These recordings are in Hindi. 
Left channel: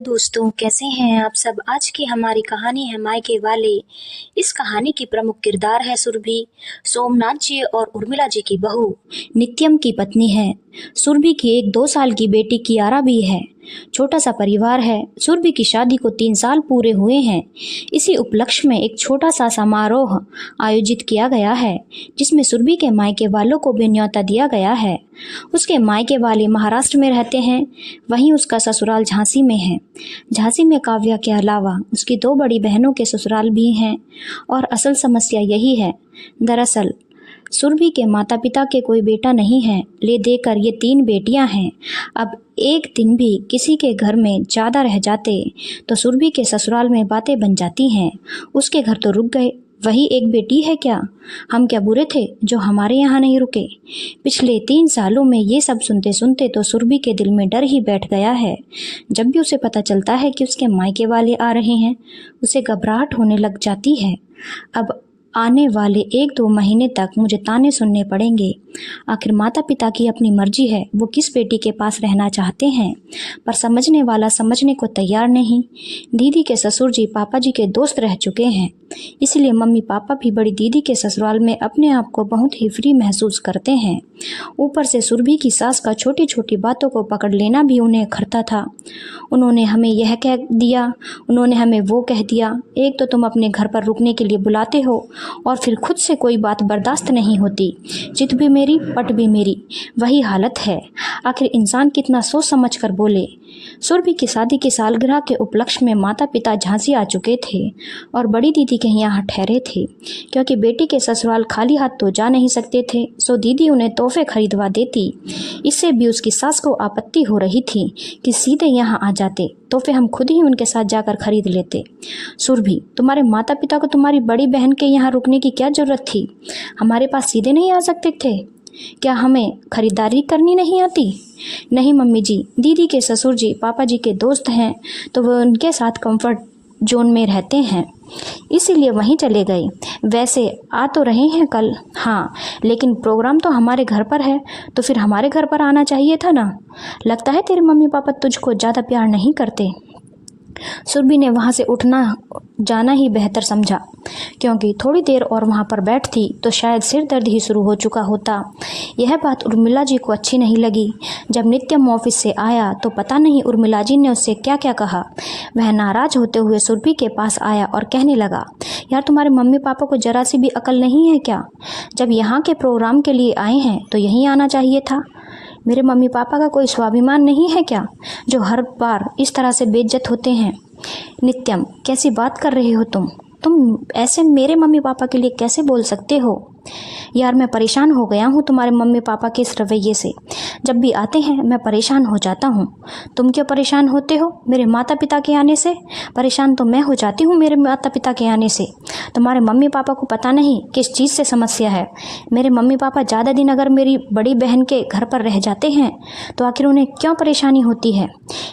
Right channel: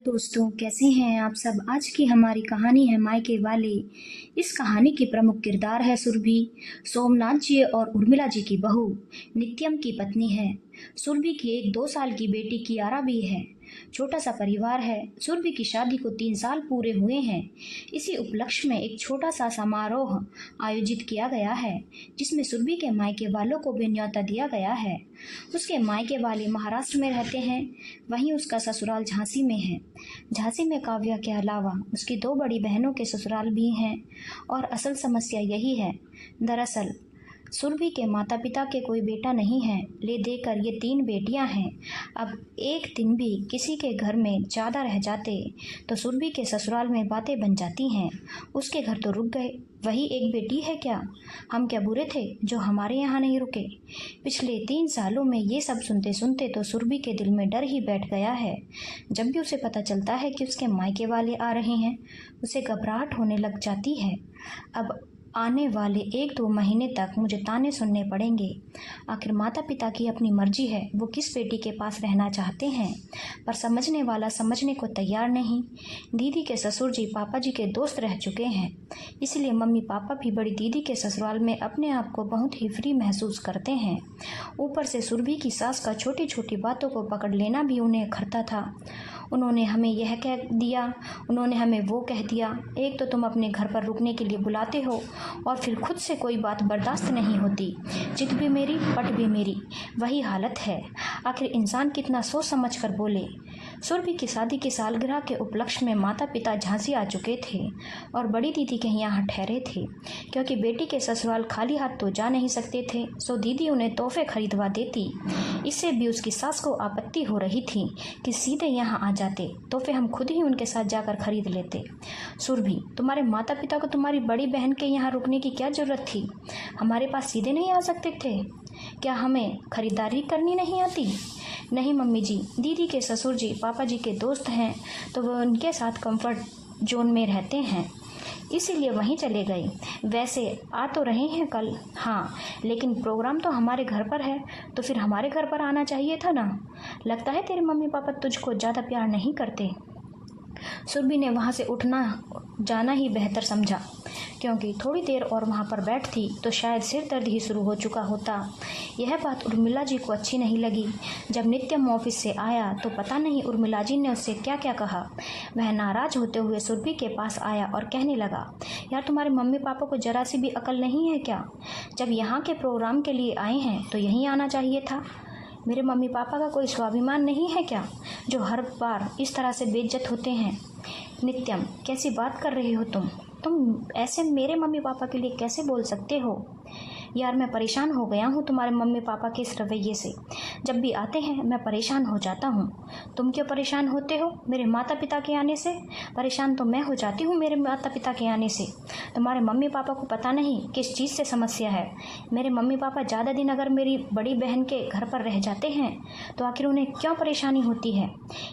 दोस्तों, कैसे हैं आप सब। आज की हमारी कहानी है मायके वाले। इस कहानी की प्रमुख किरदार है सुरभि। सोमनाथ जी और उर्मिला जी की बहू नित्यम की पत्नी है। सुरभि की एक 2 साल की बेटी कियारा भी है। छोटा सा परिवार है। सुरभि की शादी को 3 साल पूरे हुए हैं। इसी उपलक्ष्य में एक छोटा सा समारोह आयोजित किया गया है, जिसमें सुरभि के मायके वालों को भी न्योता दिया गया है। उसके मायके वाले महाराष्ट्र में रहते हैं, वहीं उसका ससुराल झांसी में है। झांसी में काव्या के अलावा उसकी 2 बड़ी बहनों के ससुराल भी हैं। और असल समस्या यही है। दरअसल सुरभि के माता पिता के कोई बेटा नहीं है, ले देकर ये 3 बेटियां हैं। अब एक दिन भी किसी के घर में ज़्यादा रह जाते तो सुरभि के ससुराल में बातें बन जाती हैं। उसके घर तो रुक गए, वही एक बेटी है क्या? हम क्या बुरे थे जो हमारे यहाँ नहीं रुके? पिछले 3 सालों में ये सब सुनते सुनते तो सुरभि के दिल में डर ही बैठ गया है। जब भी उसे पता चलता है कि उसके मायके वाले आ रहे हैं, उसे घबराहट होने लग जाती है। अब आने वाले 1-2 महीने तक मुझे ताने सुनने पड़ेंगे। आखिर माता पिता की अपनी मर्जी है, वो किस बेटी के पास रहना चाहते हैं, पर समझने वाला समझने को तैयार नहीं। दीदी के ससुर जी पापा जी के दोस्त रह चुके हैं, इसलिए मम्मी पापा भी बड़ी दीदी के ससुराल में अपने आप को बहुत ही फ्री महसूस करते हैं। ऊपर से सुरभि की सास का छोटी छोटी बातों को पकड़ लेना भी उन्हें खरता था। उन्होंने हमें यह कह दिया, उन्होंने हमें वो कह दिया। एक तो तुम अपने घर पर रुकने के लिए बुलाते हो और फिर खुद से कोई बात बर्दाश्त नहीं होती। चित भी मेरी पट भी मेरी, वही हालत है। आखिर इंसान कितना सोच समझ कर बोले। सुरभि की शादी की सालगिरह के उपलक्ष्य में माता पिता झांसी आ चुके थे और बड़ी दीदी के यहाँ ठहरे थे, क्योंकि बेटी के ससुराल खाली हाथ तो जा नहीं सकते थे। सो दीदी उन्हें तोहफे खरीदवा देती। इससे भी उसकी सास को आपत्ति हो रही थी कि सीधे यहाँ आ जाते, तोहफे हम खुद ही उनके साथ जाकर खरीद लेते। सुरभि, तुम्हारे माता पिता को तुम्हारी बड़ी बहन के यहाँ रुकने की क्या ज़रूरत थी? हमारे पास सीधे नहीं आ सकते थे? क्या हमें खरीदारी करनी नहीं आती? नहीं मम्मी जी, दीदी के ससुर जी पापा जी के दोस्त हैं, तो वो उनके साथ कंफर्ट जोन में रहते हैं, इसीलिए वहीं चले गए। वैसे आ तो रहे हैं कल, हाँ, लेकिन प्रोग्राम तो हमारे घर पर है, तो फिर हमारे घर पर आना चाहिए था ना। लगता है तेरे मम्मी पापा तुझको ज़्यादा प्यार नहीं करते। सुरभि ने वहाँ से उठना जाना ही बेहतर समझा, क्योंकि थोड़ी देर और वहाँ पर बैठती तो शायद सिर दर्द ही शुरू हो चुका होता। यह बात उर्मिला जी को अच्छी नहीं लगी। जब नित्यम ऑफिस से आया तो पता नहीं उर्मिला जी ने उससे क्या क्या कहा। वह नाराज होते हुए सुरभि के पास आया और कहने लगा, यार तुम्हारे मम्मी पापा को जरा सी भी अकल नहीं है क्या? जब यहाँ के प्रोग्राम के लिए आए हैं तो यहीं आना चाहिए था। मेरे मम्मी पापा का कोई स्वाभिमान नहीं है क्या, जो हर बार इस तरह से बेइज्जत होते हैं? नित्यम, कैसी बात कर रहे हो तुम ऐसे मेरे मम्मी पापा के लिए कैसे बोल सकते हो? यार मैं परेशान हो गया हूँ तुम्हारे मम्मी पापा के इस रवैये से। जब भी आते हैं मैं परेशान हो जाता हूँ। तुम क्यों परेशान होते हो मेरे माता पिता के आने से? परेशान तो मैं हो जाती हूँ मेरे माता पिता के आने से। तुम्हारे मम्मी पापा को पता नहीं किस चीज़ से समस्या है। मेरे मम्मी पापा ज़्यादा दिन अगर मेरी बड़ी बहन के घर पर रह जाते हैं तो आखिर उन्हें क्यों परेशानी होती है?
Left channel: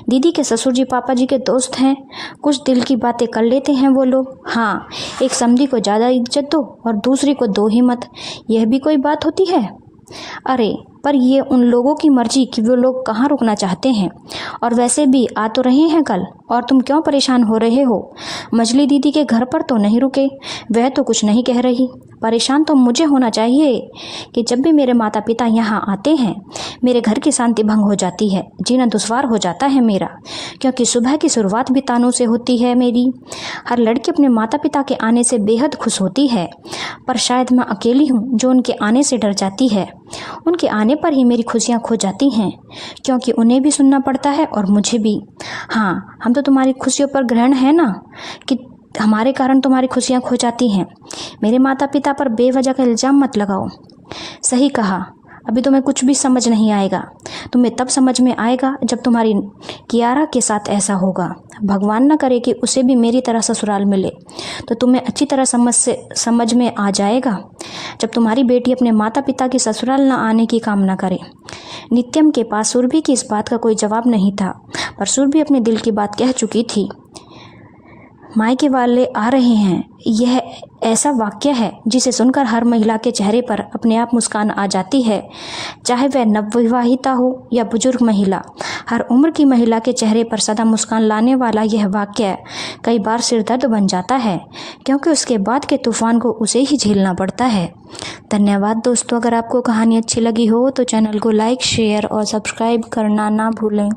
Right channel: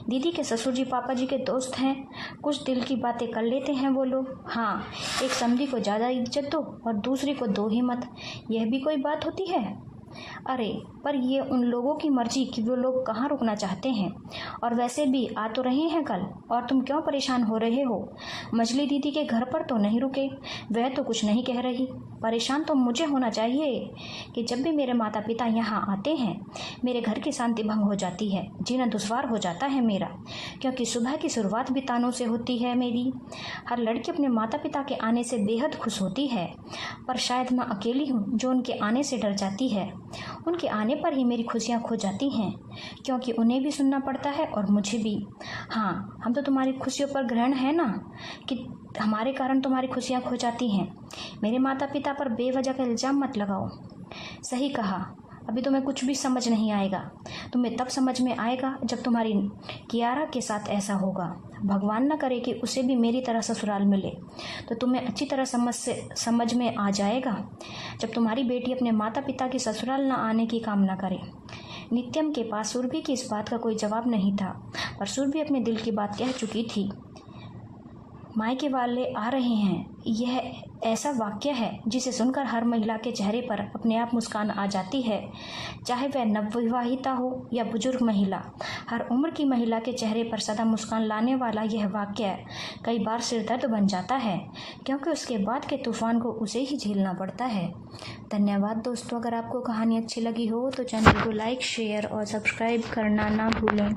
दीदी के ससुर जी पापा जी के दोस्त हैं, कुछ दिल की बातें कर लेते हैं वो लोग। हाँ, एक समधी को ज़्यादा इज्जत दो और दूसरी को दो ही मत, यह भी कोई बात होती है? अरे पर ये उन लोगों की मर्जी कि वो लोग कहाँ रुकना चाहते हैं, और वैसे भी आ तो रहे हैं कल, और तुम क्यों परेशान हो रहे हो? मजली दीदी के घर पर तो नहीं रुके, वह तो कुछ नहीं कह रही। परेशान तो मुझे होना चाहिए कि जब भी मेरे माता पिता यहाँ आते हैं मेरे घर की शांति भंग हो जाती है, जीना दुश्वार हो जाता है मेरा, क्योंकि सुबह की शुरुआत भी तानों से होती है मेरी। हर लड़की अपने माता पिता के आने से बेहद खुश होती है, पर शायद मैं अकेली हूँ जो उनके आने से डर जाती है। उनके आने पर ही मेरी खुशियाँ खो जाती हैं, क्योंकि उन्हें भी सुनना पड़ता है और मुझे भी। हाँ, हम तो तुम्हारी खुशियों पर ग्रहण है ना, कि हमारे कारण तुम्हारी खुशियाँ खो जाती हैं। मेरे माता पिता पर बेवजह का इल्ज़ाम मत लगाओ। सही कहा, अभी तुम्हें कुछ भी समझ नहीं आएगा। तुम्हें तब समझ में आएगा जब तुम्हारी कियारा के साथ ऐसा होगा। भगवान न करे कि उसे भी मेरी तरह ससुराल मिले, तो तुम्हें अच्छी तरह समझ में आ जाएगा जब तुम्हारी बेटी अपने माता पिता की ससुराल न आने की कामना करे। नित्यम के पास सुरभि की इस बात का कोई जवाब नहीं था, पर सुरभि अपने दिल की बात कह चुकी थी। मायके वाले आ रहे हैं, यह ऐसा वाक्य है जिसे सुनकर हर महिला के चेहरे पर अपने आप मुस्कान आ जाती है, चाहे वह नवविवाहिता हो या बुजुर्ग महिला। हर उम्र की महिला के चेहरे पर सदा मुस्कान लाने वाला यह वाक्य कई बार सिरदर्द बन जाता है, क्योंकि उसके बाद के तूफान को उसे ही झेलना पड़ता है। धन्यवाद दोस्तों। अगर आपको कहानी अच्छी लगी हो तो चैनल को लाइक, शेयर और सब्सक्राइब करना ना भूलें।